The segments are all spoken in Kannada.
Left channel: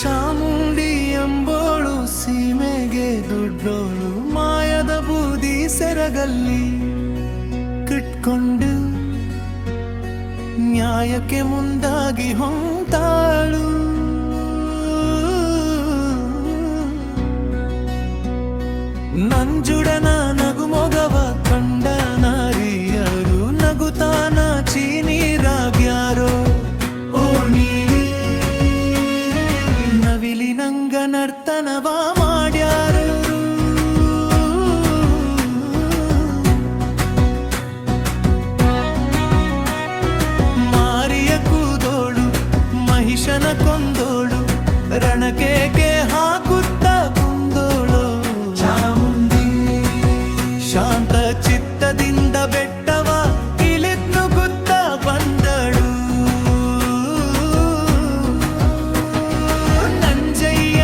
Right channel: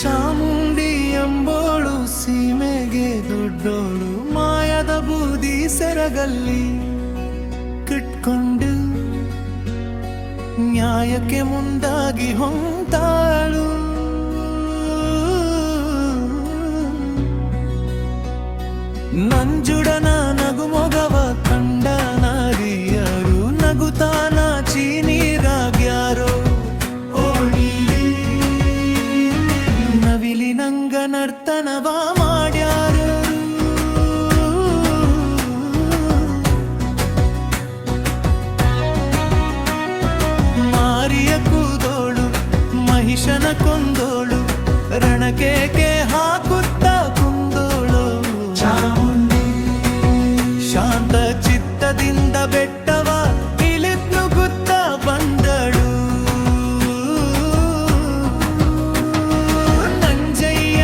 ಚಾಮುಂಡಿ ಎಂಬೋಳು ಸೀಮೆಗೆ ದೊಡ್ಡೋಳು, ಮಾಯದ ಬೂದಿ ಸೆರಗಲ್ಲಿ ಕಿಟ್ಕೊಂಡು ನ್ಯಾಯಕ್ಕೆ ಮುಂದಾಗಿ ಹೊಂತಾಳು. ನಂಜುಡನ ನಗುಮೊಗವ ಕಂಡ ನಾರಿಯರು ನಗುತಾನ ಚೀನೀರಾಗ್ಯಾರೋ. ನವಿಲಿ ನಂಗ ನರ್ತನವ ಮಾಡ್ಯಾರು. ಮಾರಿಯ ಕೂದೋಳು ಮಹಿಷನ ಕೊಂದೋಳು, ರಣಕೇಕೆ ಹಾಕುತ್ತ ಕುಂದೋಳು. ಶಾಂತ ಚಿತ್ತದಿಂದ ಬೆಟ್ಟವ ಇಳಿದ್ನುಗುತ್ತ ಬಂದಳು. ನಂಜಯ್ಯ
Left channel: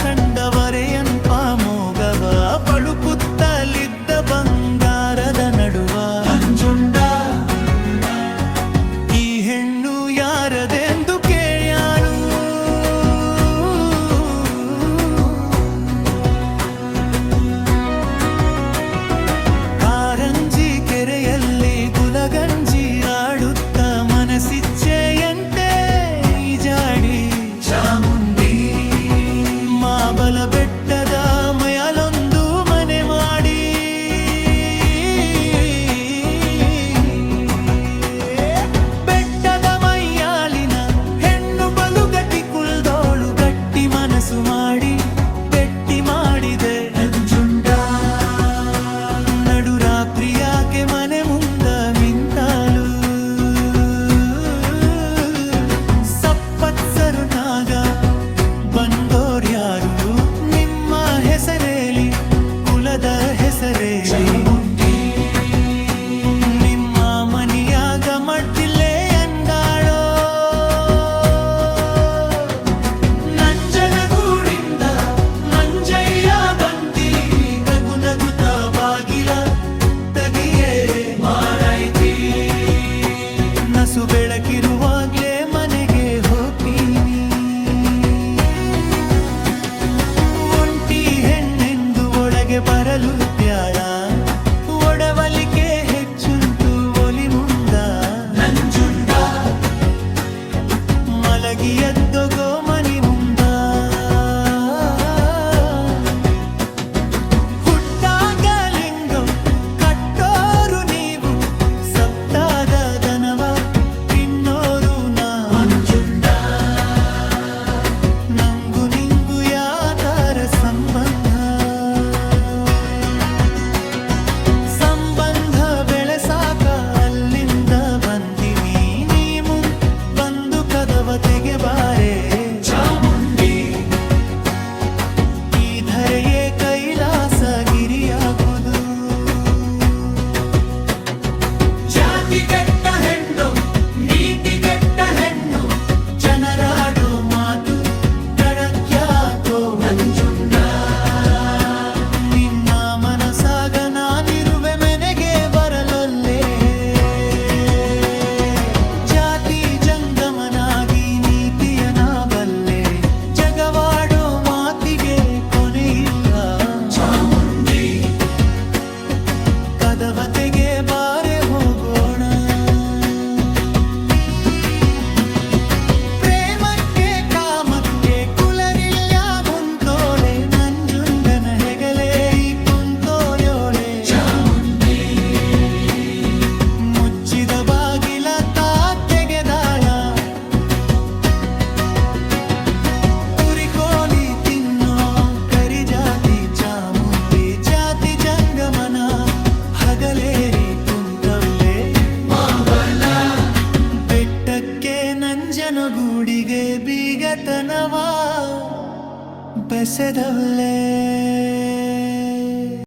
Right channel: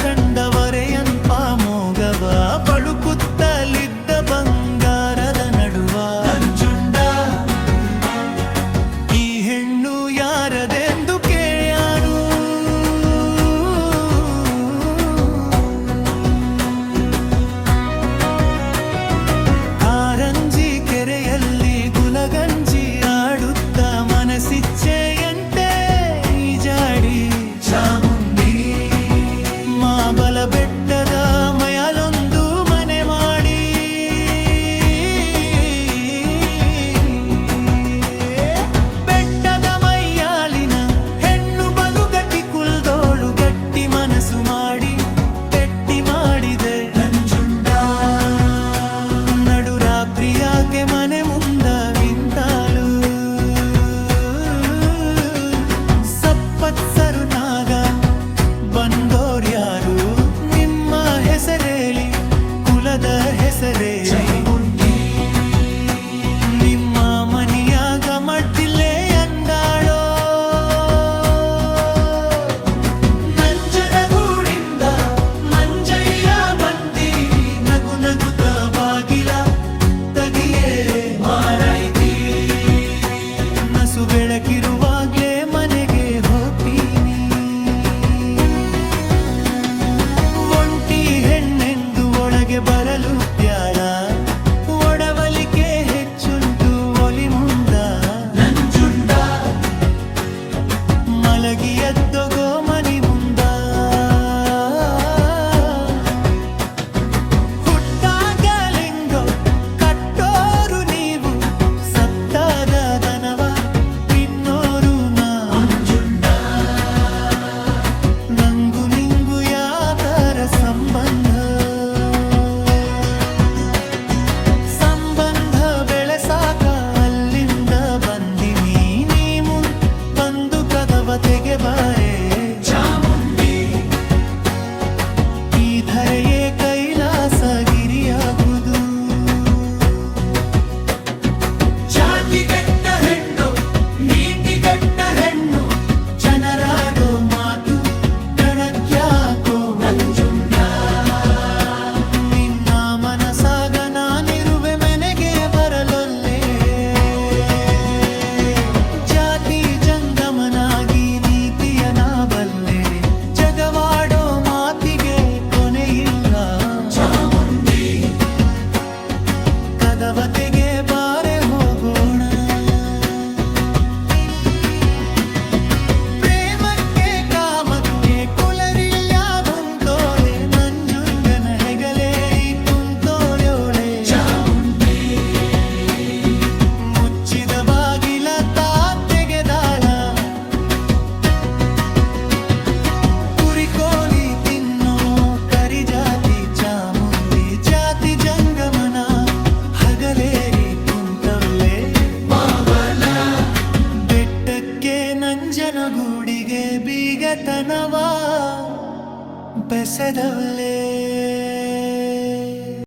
ಕಂಡವರೆಯನ್ಪ ಮೋಗವ ಬಳುಕುತ್ತಲಿದ್ದ ಬಂಗಾರದ ನಡುವ. ಈ ಹೆಣ್ಣು ಯಾರದೆಂದು ಕೇಳ್ಯಾನು. ಕಾರಂಜಿ ಕೆರೆಯಲ್ಲಿ ಗುಲಗಂಜಿ ಆಡುತ್ತ ಮನಸ್ಸಿಚ್ಛೆಯಂತೆ ಈಜಾಡಿ. ಮಾಬಲ ಬೆಟ್ಟದ ಮಯಲೊಂದು ಮನೆ ಮಾಡಿ. ಬೆಟ್ಟದ ಮೈಯಾಲಿನ ಹೆಣ್ಣು ಬಲು ಗಟ್ಟಿ ಕುಲ್ದೋಳು, ಗಟ್ಟಿ ಮನಸ್ಸು ಮಾಡಿ ಪೆಟ್ಟಿ ಮಾಡಿದೆ ನಂಜುಂಡ. ನಡುರಾತ್ರಿಯಾಕೆ ಮನೆ ಮುಂದ ನಿಂತಾಳು. ಸಪ್ಪತ್ಸರು ನಾಗ ಬಂದೋರ್ಯಾರು, ನಿಮ್ಮ ಹೆಸರೇಳಿ ಕುಲದ ಹೆಸರೇಳಿ. ನಿಮ್ಮ ಮನಿಯಾಗ ಮಡ್ಡಿಲ್ಲೇ ಅಂದಾಳೋ. ನಂಜನಗೂಡಿಂದ ಮಂಜಯ್ಯ ಬಂದಿ ನಗು ನಗುತ್ತ ಬಾಗಿಲ ತಗಿಯೇ ಮಾಡೈತಿ. ನಸು ಬೆಳಕಿರುವಾಗ್ಲೇ ಮನೆಗೆ ಹೋಗ್ತೀನಿ. ಹೆಣ್ಣೆಂದು ಒಳಗೆ ಬರಲು ಬ್ಯಾಡ, ಒಡವಲಿಕೆ ಹೆಚ್ಚುಂಟು ಒಲಿ ಮುಂದ. ನಂಜುಂಡ ಮಲಗಿ ಎದ್ದೊಗೋ ಮನಿ ಮುಂದ. ಹುಟ್ಟಾಗಲಿಂಗೋ ಕಟ್ಟೋರು ನೀವು, ಸಪ್ತಾದ ದನವ ತಿನ್ನೋರು ನಾ. ನಂಗು ನಿಂಗು ಯಾತರ ಸಂಬಂಧ ಬೆಳೆಸಾಕ ಅಲ್ಲಿಂದ ಬಂದಿವಿ. ನೀ ಬಂದು ಕದವ ತೆಗೆಬಾರೆ ಚಾಮುಂಡಿ. ಈ ಧರೆಯೇ ಕೈಲಾಸ ಗಿರಿಯಾಗುವುದು. ಜಾತಿಗೆಟ್ಟ ಹೆಣ್ಣು ನೀತಿಗೆಟ್ಟ ಹೆಣ್ಣು, ಜನರಾಡೋ ಮಾತು ತಡಕ್ಯಾಕೋ ನಂಜುಂಡ. ನಿನ್ನ ಮನಸಾಗ ನಾನಿರುವೆ ಮೆನೆಗೆ ಬರಲೊಲ್ಲೆ. ಜಾತಿ ಜಂಗಮನಾಗಿ ನೀತಿಯ ನಾ ಬಲ್ಲೆ, ಜಗವಾಡೋ ಮಾತಿಗೆ ಕೊನೆಯಿಲ್ಲ. ಕದವತೆಗೆ ಬಾರೆ ಹೋಗೋಣ. ಪ್ರೇಮಕ್ಕೆ ಕಾಮಕ್ಕೆ ಕುಲರಿಲ್ಲ ಕುಂತೋಳೆ, ನಂಜುಂಡನ ಹೆಗಲೇರಿ ಕುಂತೋಳೆಯೋಳೆ. ಮುಚ್ಚಿದ ಬಾಗಿಲ ತಾ ತೆಗೆದಾಳ. ಕುರಿಕೋಲಿ ತಿನ್ನೋ ಕರಿ ಜಾತಿ ಚಾಮುಂಡಿ, ಜಾತಿ ಜಂಗಮನ ಹಗಲೇರಿ ಕುಂತವ್ಲೆ. ಬೆಟ್ಟಕ್ಕೆ ನಂಜನಗೂಡಿಗೆ ಬೀಗತನವ ಬೆಸೆದವ್ಲೆ.